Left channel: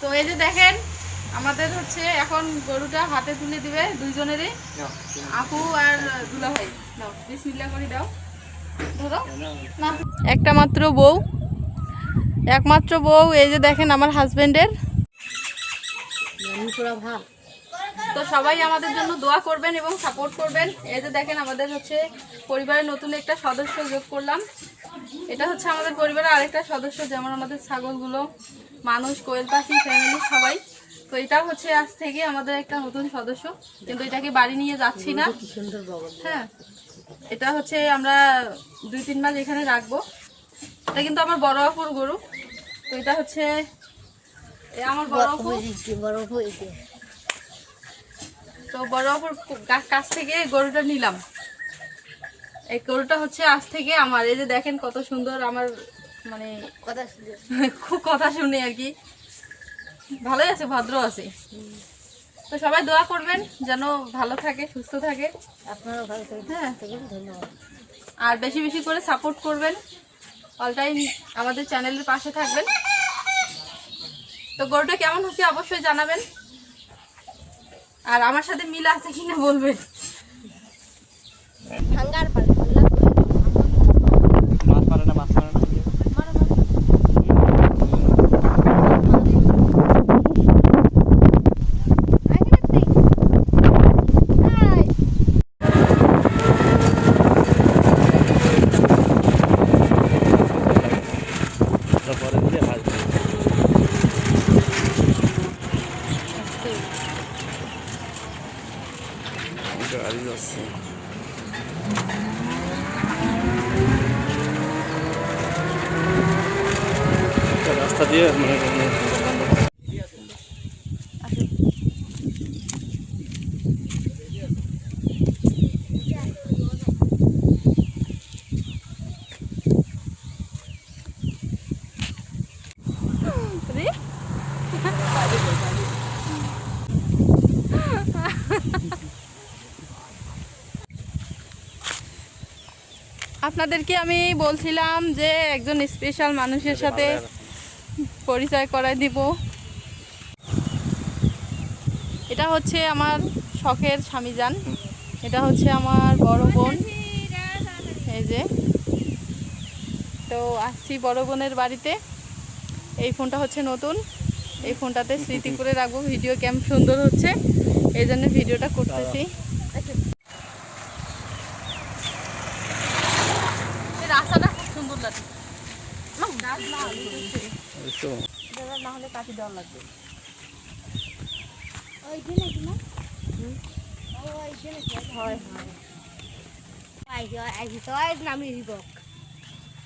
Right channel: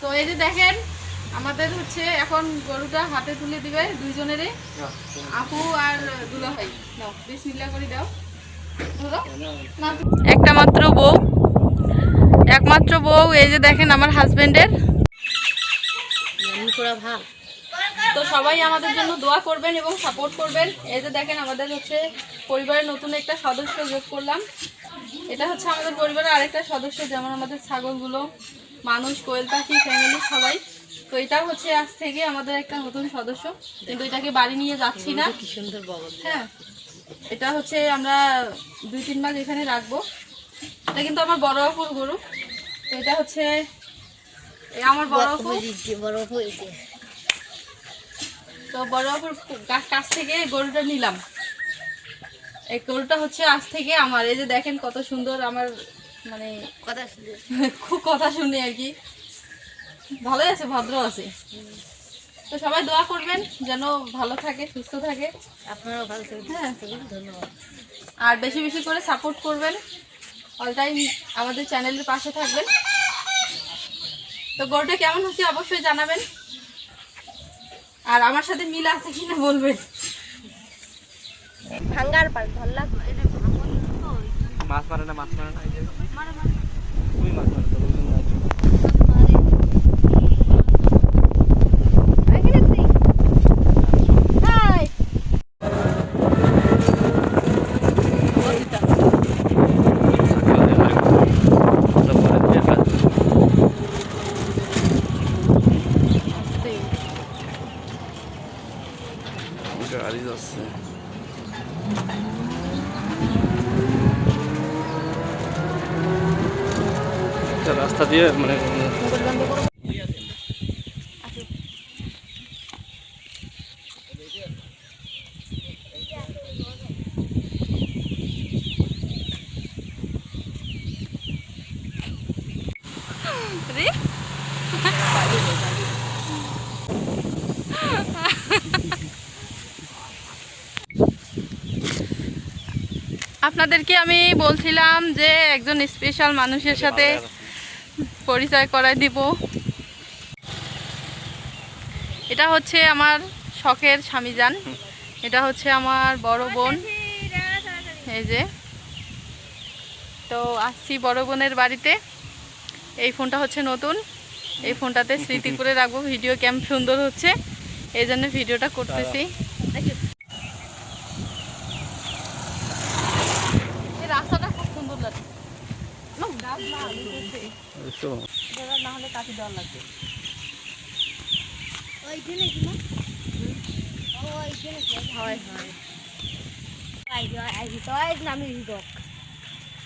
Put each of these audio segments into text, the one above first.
তো এই যে দেখেন আমাদের হচ্ছে এখন গরুটা হাতে তুলে দিবে দুইজনেরই। আপু আর দুলা ভাই। দাও বিসমিল্লাহ করে দাও। না। একটা মাত্র বউ। একমাত্র বউ এই যে দেখেন আমার হাজবেন্ডের তো সবাই আমাদের জন্য দোয়া করবেন এবং সাপোর্ট করবেন। এই যে দেখেন আমাদের হচ্ছে পরিবারের নতুন একটা সদস্য যোগ করলাম। এটা হচ্ছে আমাদের পরিবারের আরেকটা সদস্য যেমন আমাদের ছাগলগুলো মানুষ কোয়েল পাখি ফ্যামিলি সবাই। তো এটাও হচ্ছে আজ থেকে আমাদের একটা নতুন সদস্য। কিন্তু এটাকে বাড়ি নিয়ে যাচ্ছি না। হ্যাঁ এটা হচ্ছে আমরা দুই তিন মাস এখানে রাখব। এটা কিন্তু আমার বড় অপুর গরু। তো এটা হচ্ছে আমার বড় অপু তো বড় অপুর কাছ থেকে গরুটা নিলাম। এই গরুটা হচ্ছে আজ থেকে আমার। এই যে দেখেন কত সুন্দর আমার মানে কথা শুনে। খুব কথা শুনে আর কি। ভালোই আছে ভদ্র আছে। তো সবাই দোয়া করবেন যেন ভালো থাকে সুস্থ থাকে। আপনারাও ভালো থাকবেন। হ্যাঁ। ধন্যবাদ। আর বেশি বেশি করে সাপোর্ট করবেন। অল টাইম আমাদের চ্যানেলের পাশে থাকবেন। তো গরুটা কেমন হচ্ছে অবশ্যই জানাবেন। আর আমার সাথে মিল আছে কিনা বলবে ভাঙ্গার পার করলা মাছ মারে না মাছ মারে না এই যে। তারপরে দেখা যায়। গাড়ি যাচ্ছে রাস্তা দিয়ে মানে আপনাদেরকে আমি বলছিলাম যে একজন স্পেশাল মানুষের সাথে পরিচয় করায় দিব। এটা হচ্ছে আমার শখের স্বামীজান। এটা হচ্ছে আমার বড় বোন। এই যে। তো আসছি বড় বোনের বাড়িতে। এই ফোনটা হচ্ছে নতুন। এই ফোনটাতে স্মৃতি করে রাখব। ভিডিও ক্যাম্প সুন্দর হচ্ছে। এই জন্য ভিডিওটা করতেছি এই রাস্তাটা খুব সুন্দর লাগে আমার গাছ না হলে করছে। তো গাছ না হলে কাটি দেওয়ার লাগবে ওইখানে কি না ওইখানে কি হয় হয় আই আই তো আই নামি দিব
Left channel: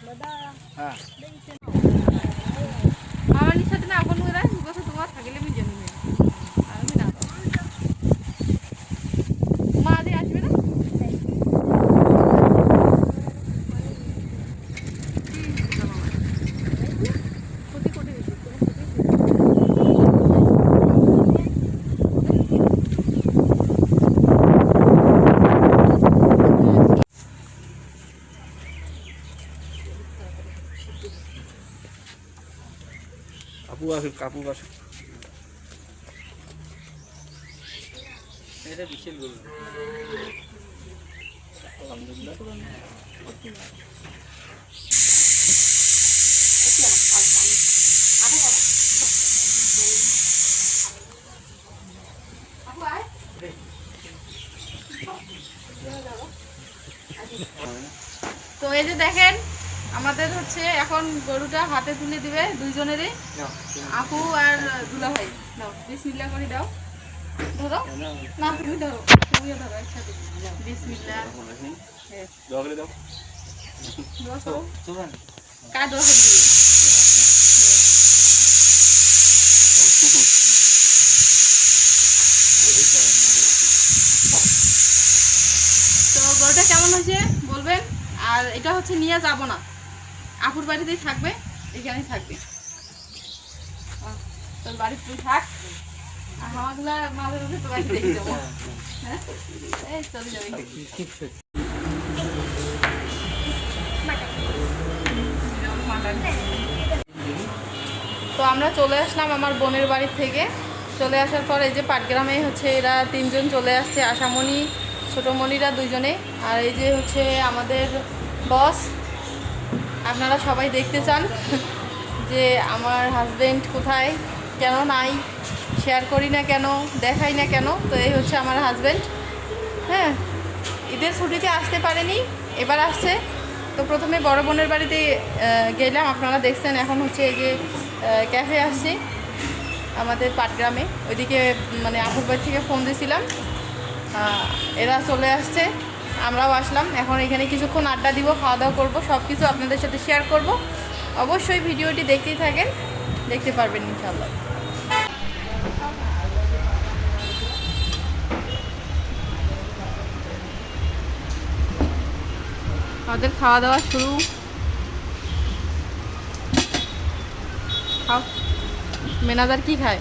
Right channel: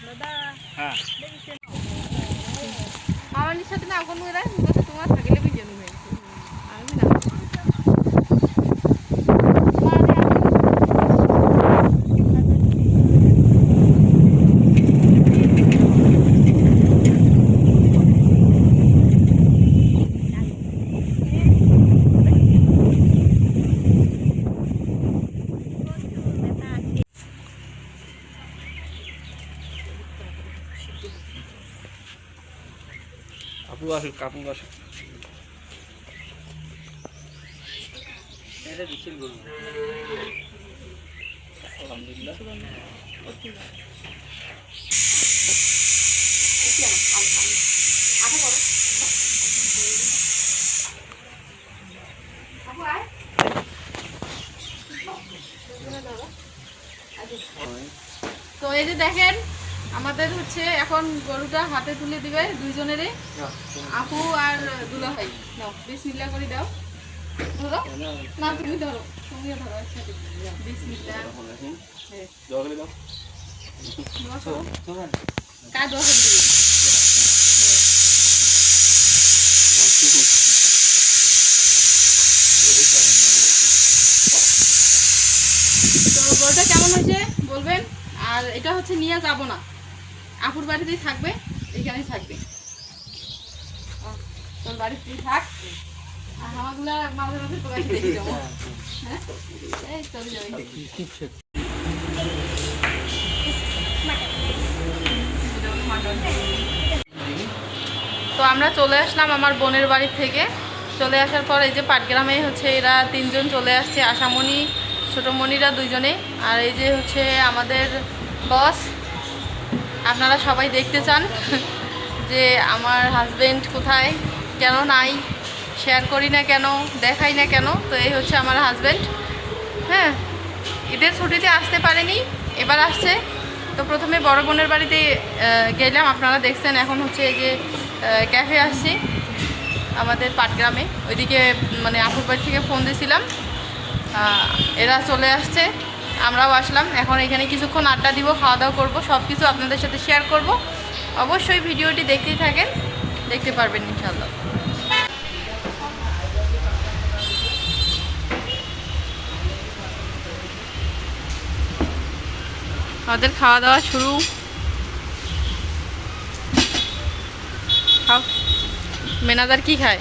দাদা হ্যাঁ আমার সাথে না আগুন করে রাখবি তো তোমার থাকলে আমি জানি না আমি না মা দে আসলে আপু আসুক আপু আসুক এটা বিশাল গরু আলহামদুলিল্লাহ তো এই যে দেখেন আমাদের হচ্ছে এখন গরুটা হাতে তুলে দিবে দুইজনেরই। আপু আর দুলা ভাই। দাও বিসমিল্লাহ করে দাও। ধরো। না তুমি ধরো। তুমিও ধরো একসাথে। বিসমিল্লাহ হ্যাঁ, দোয়া করে। দিবে তো গরুটা কেমন হয়েছে বলবেন? আর এটা হচ্ছে নিয়ে যাব না। আপুর বাড়িতেই থাকবে, এখানেই থাকবে। তোর বাড়িতে তুই থাক। মাঝে মাঝে তো দেখে যাব। হ্যাঁ? এই, চলে তো আমরা চলে আসলাম আমার বোনের বাড়ি থেকে। চলে আসার পর এই যে পাটগ্রামে হচ্ছে এরা তিনজন চলে আসছে, আশামণি, ছোটোমণিরা দুজনে। আর এই যে হচ্ছে আমাদের বস আপনারা সবাই দেখতে চান যে আমার হাজবেন্ড কোথায়, কেন নাই শেয়ার করি না কেন, দেখাই না কেন, তো এই হচ্ছে আমার হাজবেন্ড হ্যাঁ ঈদের ছুটিতে আসতে পারেনি, এবার আসছে। তো প্রথমে বড় বোনের বাড়িতে গেলাম, আপনারা দেখছেন, এখন হচ্ছে এই যে ক্যাফে আসছি, আমাদের পাটগ্রামে। ওইদিকে মানে আপুর বাড়ি থেকে ফোন দিয়েছিলাম এরা চলে আসছে। আমরাও আসলাম। এখন এখানে কিছুক্ষণ আড্ডা দিব, খাওয়া দাওয়া করব সব কিছু আপনাদের সাথে শেয়ার করব। অবশ্যই ভিডিওটি দেখতেই থাকেন, দেখতে পারবেন ইনশাল্লাহ আমাদের খাওয়া দাওয়া শুরু। মেনাদার কি খায়?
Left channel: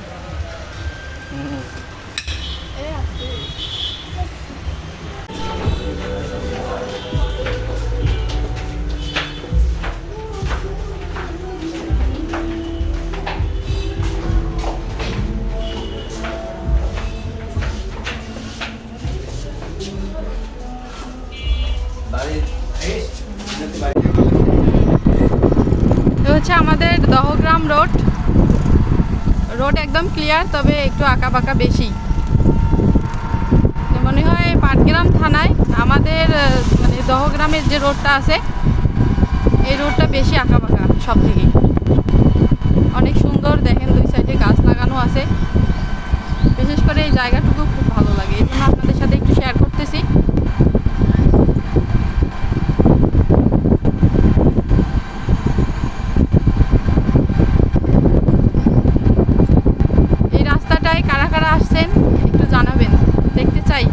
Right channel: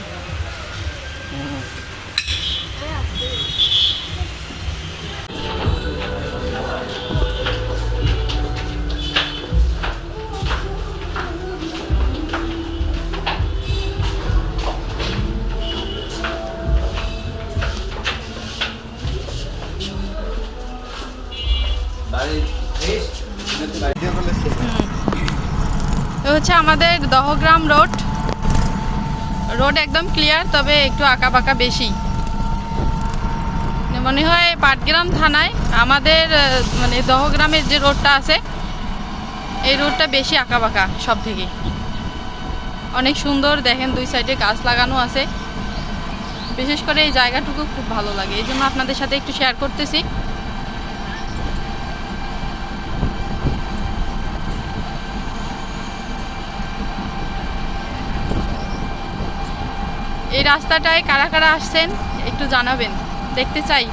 আমাদের দহগ্রাম রোড। রোড একদম ক্লিয়ার তবে একটু আঁকা বাঁকা বেশি। মনে হয় পাটগ্রাম থানায় আমাদের মানে দহগ্রামের যে রোডটা আছে, এই রোডটা বেশি আঁকা বাঁকা সব থেকে অনেক সুন্দর, দেখেন দুই সাইডে গাছ লাগানো আছে। বিশেষ করে এই জায়গাটুকু খুব ভালো লাগে। এই জন্য আপনাদের সাথে একটু শেয়ার করতেছি এই রাস্তাটায় কারা কারা আসছেন একটু জানাবেন। দেখতে চাই।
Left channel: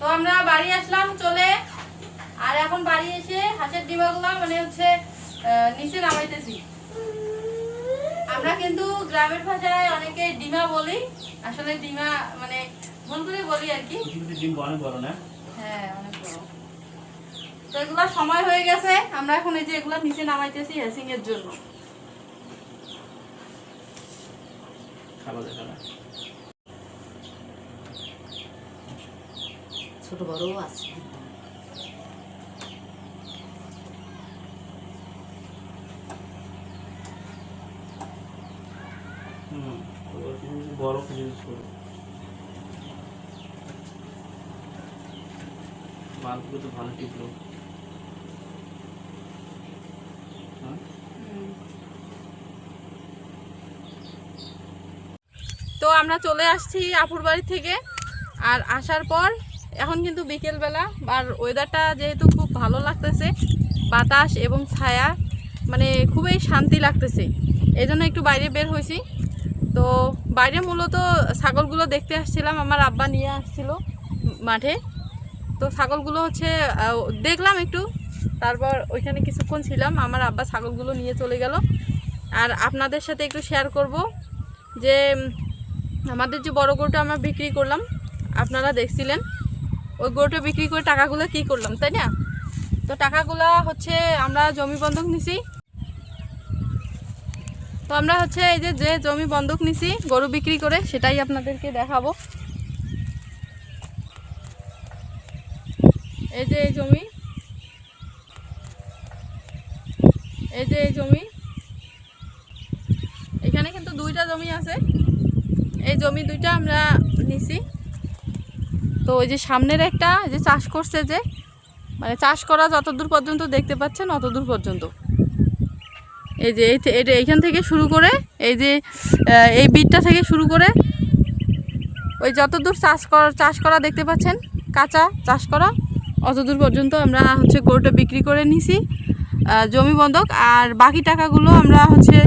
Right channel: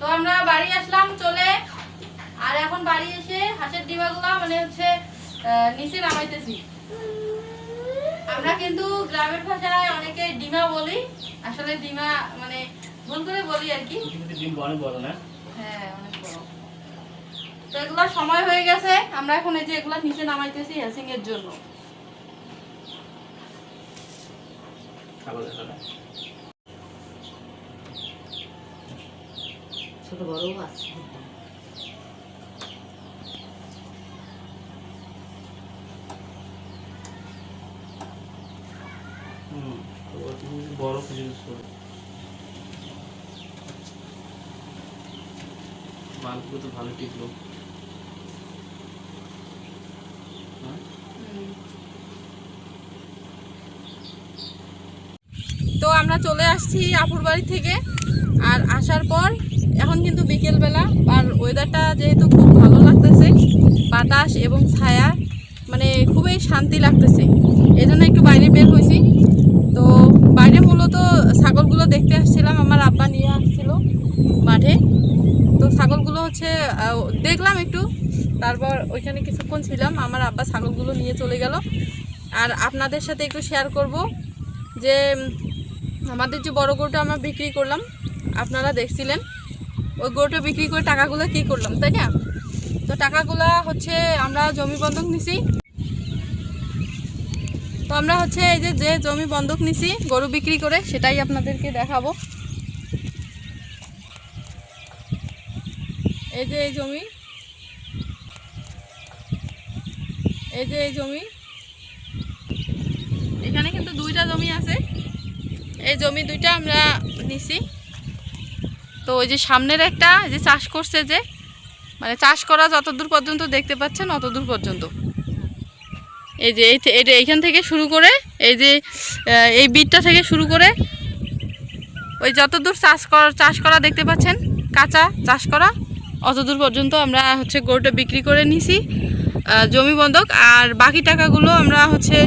তো আমরা বাড়ি আসলাম চলে। আর এখন বাড়ি এসে হাঁসের ডিমাগুলো মানে হচ্ছে নিচে নামাইতেছি। আমরা কিন্তু গ্রামের ভাষায় অনেকে ডিমা বলি। আসলে ডিমা মানে ভুল করে বলি আর কি। ডিম অনেক বড় না? হ্যাঁ অনেক বড়। তো এগুলো সময় হয়ে গেছে আমরা এখন এই যে এগুলো নিচে নামাইতেছি হ্যাসিং এর জন্য। ছোট বড়ও আছে। বড় কিছু ইউজ করো মালগুলো তো ভালো টিকলো হ্যাঁ তো আমরা চলে আসছি আপুর বাড়ি থেকে। আর আসার পর এখন কিন্তু বিকেলবেলা। আর ওয়েদারটা যেহেতু খুব ভালো লাগতেছে, বাতাস এবং ছায়া মানে খুবই শান্তি লাগতেছে। এই জন্য একটু বাইরে বের হয়েছি। তো বাইরে মূলত ছাগলগুলো দেখতে আসছিলাম, আমার আব্বা নিয়ে আসছিল মাঠে। তো ছাগলগুলো হচ্ছে দেখলাম একটু। তারপর ওইখানে কিছুক্ষণ ছিলাম, আমার আব্বা ছাগলগুলো নিয়ে চলে গেল। আর আপনাদের সাথে একটু শেয়ার করব যে আমাদের যে বড় গরুটা আমরা বিক্রি করলাম, আপনারা দেখছিলেন, ওই গরুটা বিক্রি করে টাকাগুলো কি করলাম, তাই না? তো টাকাগুলো হচ্ছে আমরা জমি বন্ধক নিছি। তো আমরা হচ্ছে এই যে যে জমি বন্ধক নিছি, গরু বিক্রি করে, সেটাই আপনাদেরকে দেখাবো। এই যে এই জমি এই যে এই জমি। এখানে কিন্তু দুইটা জমি আছে। এই জমি দুইটা আমরা নিছি। তো ওই যে সামনের একটা যে চাষ করছে যে মানে চাষ করা যতদূর পর্যন্ত দেখতে পাচ্ছেন অতদূর পর্যন্ত। এই যে এটা এইখান থেকে শুরু করে, এই যে এই বিটটা থেকে শুরু করে, ওই যতদূর চাষ করা চাষ করা দেখতে পাচ্ছেন, কাঁচা চাষ করা, অতদূর পর্যন্ত আমরা হচ্ছে গরুটা বিক্রি করে নিছি। জমি বন্ধক। আর বাকি টাকাগুলো আমরা হচ্ছে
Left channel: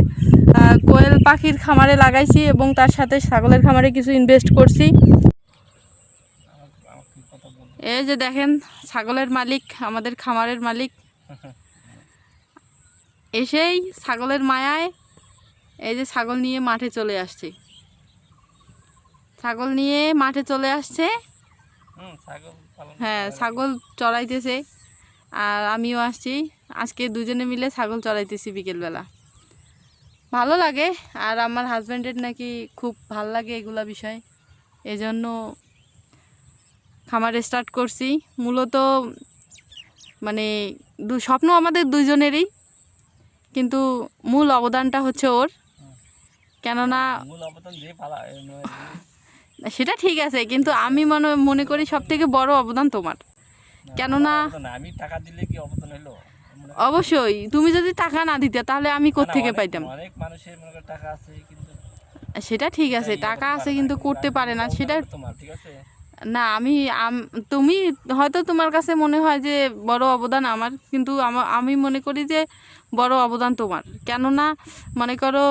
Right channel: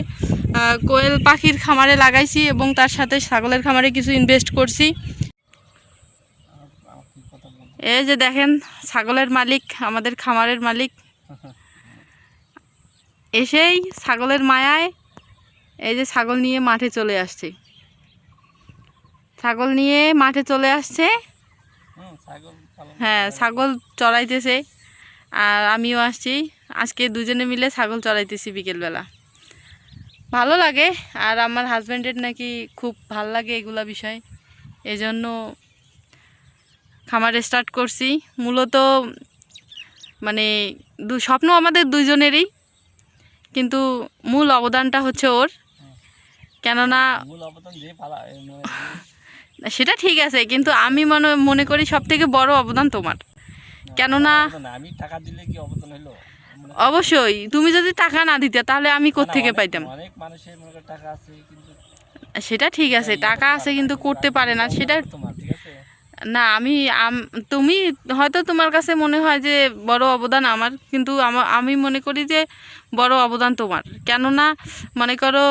কোয়েল পাখির খামারে লাগাইছি এবং তার সাথে ছাগলের খামারে কিছু ইনভেস্ট করছি। এই যে দেখেন ছাগলের মালিক আমাদের খামারের মালিক। এসেই ছাগলের মায়ায় এই যে ছাগল নিয়ে মাঠে চলে আসছে। ছাগল নিয়ে মাঠে চলে আসছে। হ্যাঁ। ছাগল চড়াইতেছে। আর আমিও আসছি। আজকে দুজনে মিলে ছাগল চড়াইতেছি বিকেলবেলা। ভালো লাগে আর আমার হাজব্যান্ডের নাকি খুব ভালো লাগে এগুলা বিষয়। এজন্য খামার স্টার্ট করছি। মূলত মানে দু স্বপ্ন আমাদের দুজনেরই কিন্তু মূল অবদানটা হচ্ছে ওর। কেননা মানে সেটা ঠিক আছে কিন্তু আমি মনে মনে করি সব থেকে বড় অবদান তোমার। কেননা আমি টাকা দিলে কি অবদান হলো অবশ্যই তুমি যদি টাকা না দিতে তাহলে আমি কোত্থেকে পাইতাম? অনেক মানুষের মনে টাকা আছে কিন্তু সেটা ঠিক আছে টাকা আছে কিন্তু করতে পারে না সেটা না আমি তুমি হয়তো তোমার কাছে মনে হয় যে বড় অবদান আমার কিন্তু আমা- মনে করি যে বড় অবদান তোমার। কেননা মনে করো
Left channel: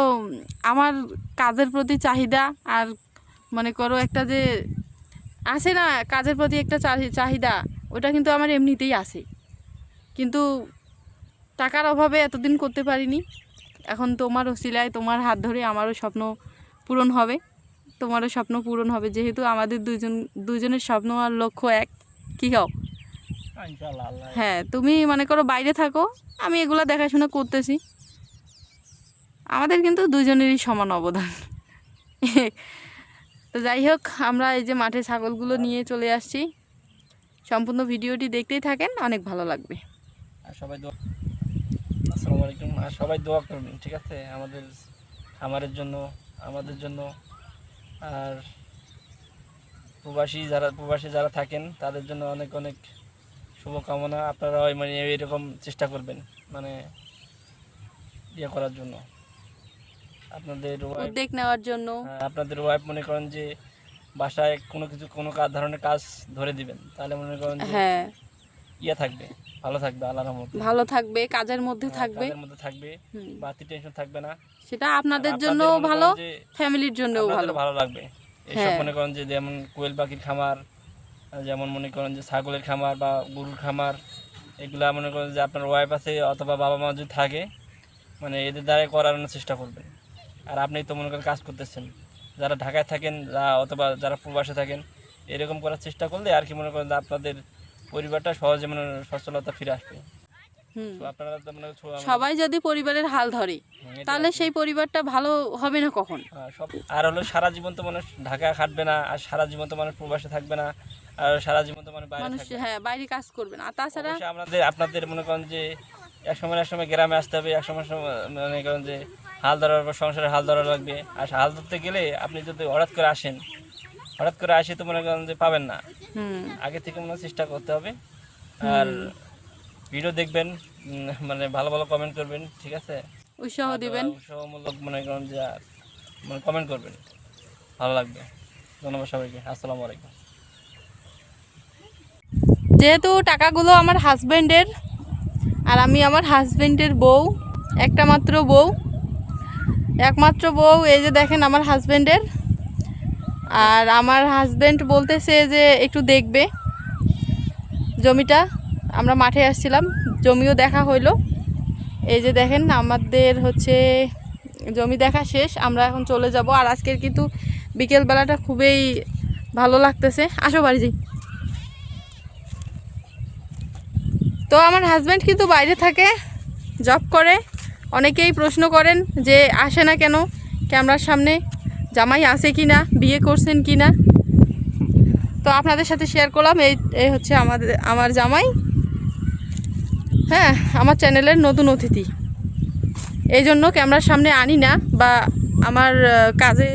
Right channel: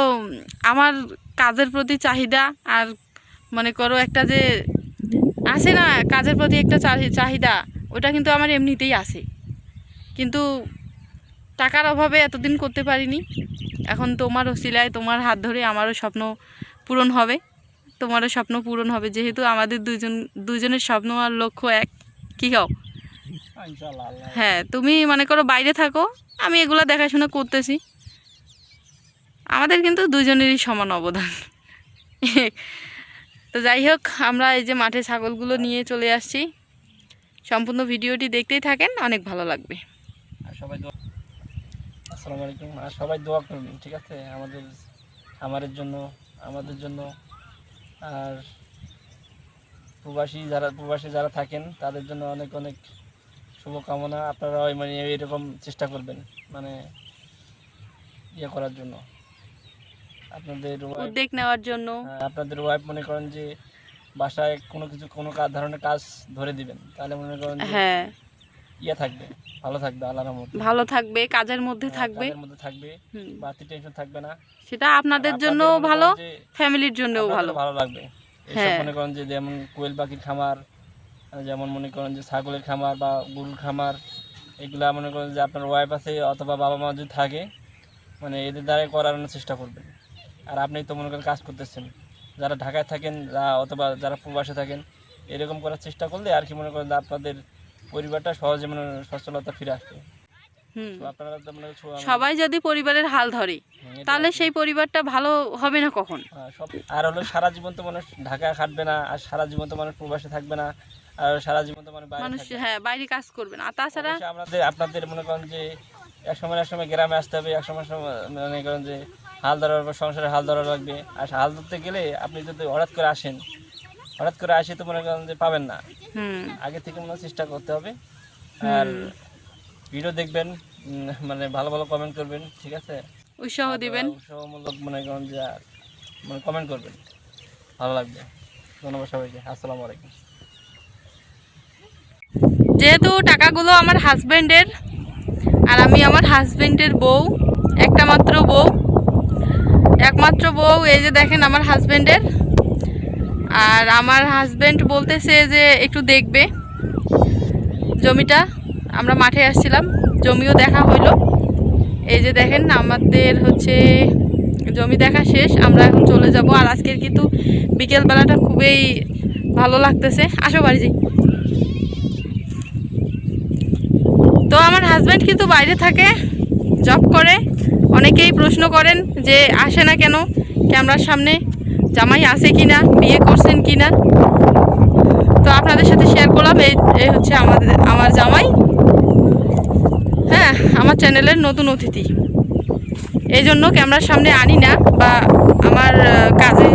আমার কাজের প্রতি চাহিদা আর মনে করো একটা যে আছে না কাজের প্রতি একটা চাহি- চাহিদা ওটা কিন্তু আমার এমনিতেই আছে। কিন্তু টাকার অভাবে এতদিন করতে পারিনি। এখন তোমার ওসিলায় তোমার হাত ধরে আমারও স্বপ্ন পূরণ হবে। তোমারও স্বপ্ন পূরণ হবে। যেহেতু আমাদের দুজন দুজনের স্বপ্ন আর লক্ষ্য এক কী হও? হ্যাঁ, তুমি মনে করো বাইরে থাকো আমি এগুলো দেখাশোনা করতেছি। আমাদের কিন্তু দুজনেরই সমান অবদান। তো যাই হোক আমরা এই যে মাঠে ছাগলগুলো নিয়ে চলে আসছি। সম্পূর্ণ ভিডিওটি দেখতেই থাকেন অনেক ভালো লাগবে। সবাই আসসালামু আলাইকুম। আর সবাই দোয়া করবেন ঠিক আছে? আমাদের খামারের জন্য আমাদের জন্য। আর প্রবাসী যারা প্রবাসী যারা থাকেন তাদের জন্য অনেক অনেক শুভকামনা। আপনারা ওই মানে এরকম চেষ্টা করবেন মানে ইয়ে করার জন্য। আপনাদের উদ্যোগ নেওয়ার জন্য। হ্যাঁ, আপনাদের ওয়াইফ মনে করেন যে বাসায় কোনো কিছু কোনো ধরনের কাজ ধরে দিবেন। তাহলে মনে করেন হ্যাঁ। ইয়ে থাকবে ভালো থাকবে আল্লাহর রহমতে ভালো থাকবে কাজের মধ্যে হ্যাঁ, থাকবে। কাজের মধ্যে থাকবে। বাড়তি টেনশন থাকবে না। সেটা আপনাদের জন্য ভালো ফ্যামিলির জন্যও ভালো। ভালো লাগবে। এইসব হ্যাঁ। মনে করেন যে যেমন কোয়েল পাখির খামার যেমন মনে করেন যে ছাগলের খামার বা গরুর খামার এগুলা মনে করেন যে আপনার ওয়াইফ আছে অথবা বাবা মা যদি থাকে মানে এদের দ্বারাই করানোর চেষ্টা করবেন। আর আপনি তো মনে করেন কাজ করতেছেন। যারা ঢাকায় থাকেন অথবা যারা প্রবাসে থাকেন এরকম করার চেষ্টা করলে আর কি মনে করেন আপনাদের পরিবারটা সহজে মানে সচ্ছলতা ফিরে আসবে। মনে সবাই যদি পরিবারের হাল ধরে তাহলে সেই পরিবারটা ভালো হবে না কখন? হ্যাঁ, আর হলো সারা জীবন তো মানুষ ঢাকা খাটবে না আর সারা জীবন তো মানুষ প্রবাসে থাকবে না আর সারা জীবন তো মানুষ মানুষ হ্যাঁ বাইরে কাজ করবে না। তাছাড়া অবশ্যই আপনাদের আপনাদের মনে করেন যে এক সময় এক সময় গ্রামে আসতে হবে এক সময় সময় মনে করেন যে হাল ধরার পর সংসারে হাল ধরা লাগবে। আর হাল ধরতে গেলে আপনি যদি হঠাৎ করে আসেন হঠাৎ করে আসে তো মনে করেন যে পাবেন না। হুম। আগে থেকে মনে চেষ্টা করতে হবে। আর ভিডিও দেখবেন মানে ভালো ভালো কমেন্ট করবেন ঠিক আছে? উৎসাহ দিবেন। উৎসাহমূলক মনে করেন যে মানে কমেন্ট করবেন। ভালো লাগবে। ধন্যবাদ সবাইকে। আসসালামু আলাইকুম। যেহেতু টাকাগুলো আমার হাজবেন্ডের আর আমি আমার হাজবেন্ডের বউ একটা মাত্র বউ একমাত্র বউ এই যে দেখেন আমার হাজবেন্ডের আর আমার হাজব্যান্ড বলতেছে যে একটু দেখবে জমিটা। আমরা মাঠে আসছিলাম, জমিও দেখা হইল। এই যে দেখেন, আমাদের হচ্ছে জমি দেখা শেষ, আমরা এখন চলে যাব। আর আজকের কিন্তু বিকেলবেলাটা খুবই ভালো লাগতেছে। আসো বাড়ি তো আমার হাজব্যান্ড কিন্তু বাইরে থাকে জব করে। অনেকেই প্রশ্ন করেন যে আসে না কেন ক্যামেরার সামনে। জামাই আছে কি না বিয়ে করছেন কি না তো আপনাদের সাথে শেয়ার করলাম, এই এই হচ্ছে আমাদের, আমার জামাই। হ্যাঁ আমার চ্যানেলের নতুন অতিথি। এই জন্য ক্যামেরার সামনে আনি না, বা আমার কাজে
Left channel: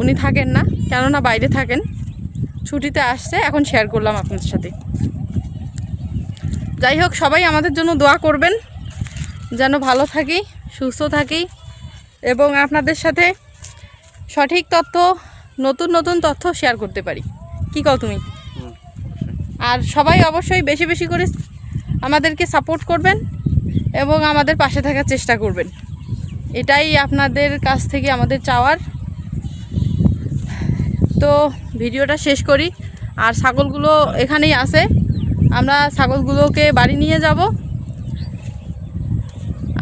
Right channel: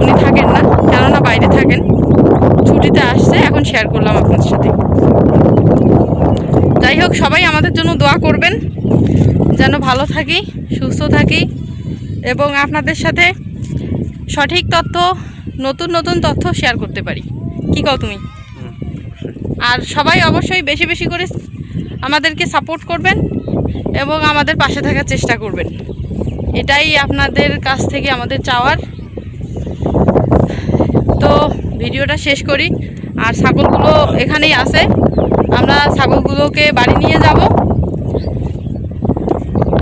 উনি থাকেন না, কেননা বাইরে থাকেন। ছুটিতে আসছে, এখন শেয়ার করলাম আপনাদের সাথে। যাই হোক, সবাই আমাদের জন্য দোয়া করবেন, যেন ভালো থাকি, সুস্থ থাকি, এবং আপনাদের সাথে সঠিক তথ্য নতুন নতুন তথ্য শেয়ার করতে পারি। কি কও তুমি? আর সবাই অবশ্যই বেশি বেশি করে আমাদেরকে সাপোর্ট করবেন এবং আমাদের পাশে থাকার চেষ্টা করবেন। এটাই আপনাদের কাছ থেকে আমাদের চাওয়ার। তো ভিডিওটা শেষ করি। আর ছাগলগুলো এখানেই আছে। আমরা ছাগলগুলোকে বাড়ি নিয়ে যাব।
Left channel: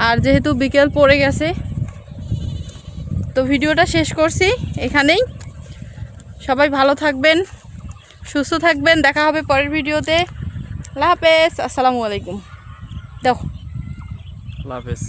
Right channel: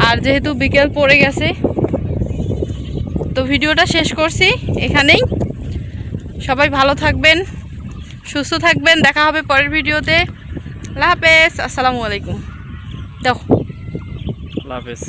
আর যেহেতু বিকেল পড়ে গেছে তো ভিডিওটা শেষ করছি এখানেই। সবাই ভালো থাকবেন, সুস্থ থাকবেন, দেখা হবে পরের ভিডিওতে। আল্লাহ হাফেজ, আসসালামু আলাইকুম। দেখো আল্লাহ হাফেজ।